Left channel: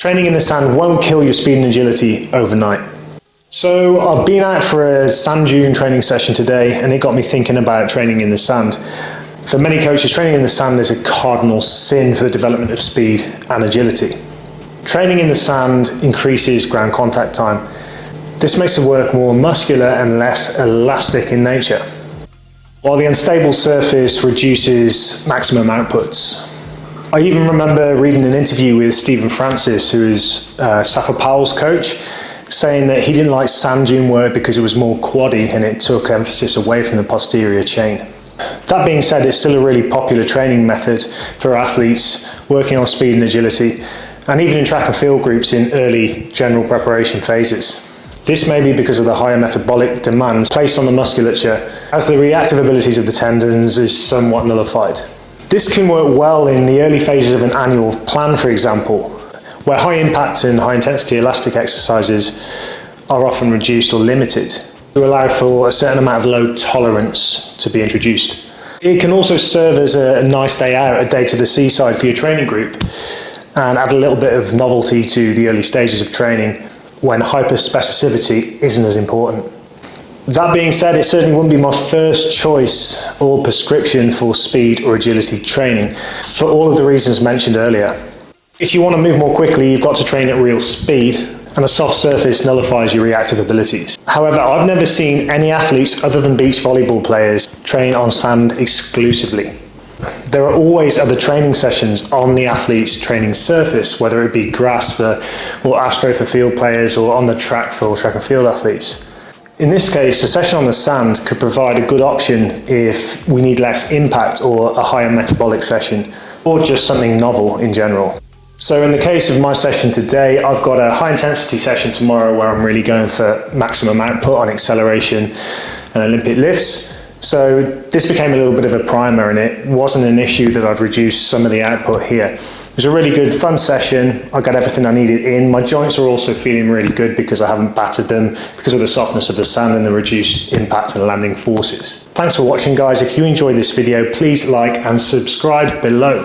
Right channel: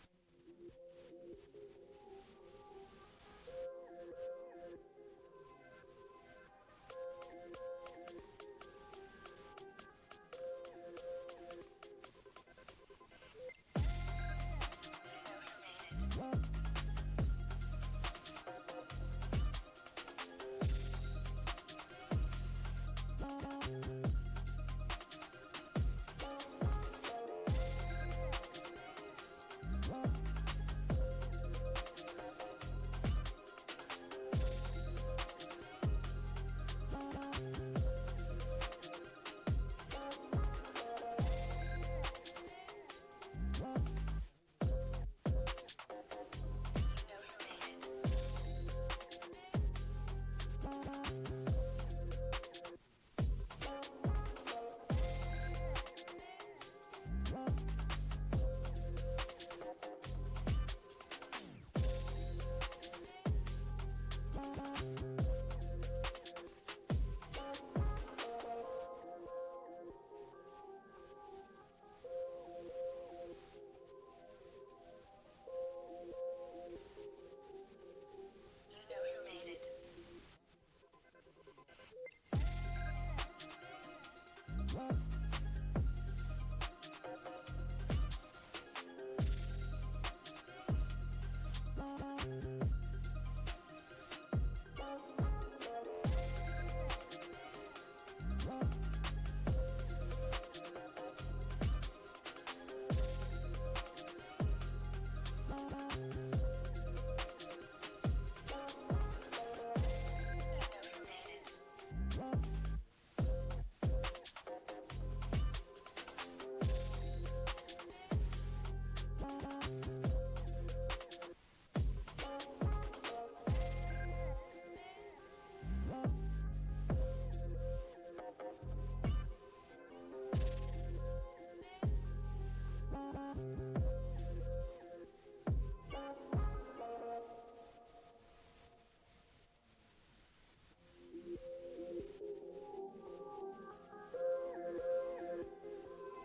Training in the sand won't kill your speed and agility overnight. So I've been out for a sand dune training session today, and it got me thinking about training in the sand. For many coaches, training in the sand is a cardinal sin for the development of speed and agility. Training in the sand increases ground contact time. This makes the work more muscular and less elastic in nature, while the unstable surface reduces maximum outputs. I even remember reading an interview with Stephen Francis, who is Safa Powell's coach, saying that he didn't like sand dune work because it was more quaddy and it took emphasis away from the posterior chain. That being said, it's still a really popular training method for athletes working on speed and agility, and even in track and field groups in early general preparation phases. This may be because of the higher metabolic demands placed on the musculature, as the reactive abilities of the tendons is somewhat nullified. This can work well in the early phases of an annual plan, for example, where high impact and high intensity elastic exercises are often reduced or limited to allow for a certain amount of load tolerance to be introduced. It can also serve as a nice day out, a day to the seaside for your training group, and add a little bit of novelty to the early stages of training when hyperspecificity isn't as important. That being said, it certainly wouldn't be my first choice or prescription for speed or agility training, for all of the reasons mentioned earlier. If you want to move more quickly, you've got to train at real speed, and a soft surface nullifies your reactive abilities. However, I've never seen any athletes other than beach volleyball players train on sand exclusively. There are always other training sessions on the athlete's training surface, whether it be grass or astro for field players, or on the track for track and field athletes. In this case, a session on the sand could provide a good option if we need less impact or a higher metabolic session, or just something novel in general. So in the case of my session today, I've got a high intensity session tomorrow where I'm really going for maximum output on acceleration and Olympic lifts. So this became a little bit of a primer, and it wasn't an issue that I'd reduce some of the output here. It was a really good, fun session. I got everything I needed in. My joints are also feeling really good because I haven't battered them because of the softness of the sand and the reduced impact and landing forces. Thanks for watching, guys. If you enjoyed this video, please like and subscribe below.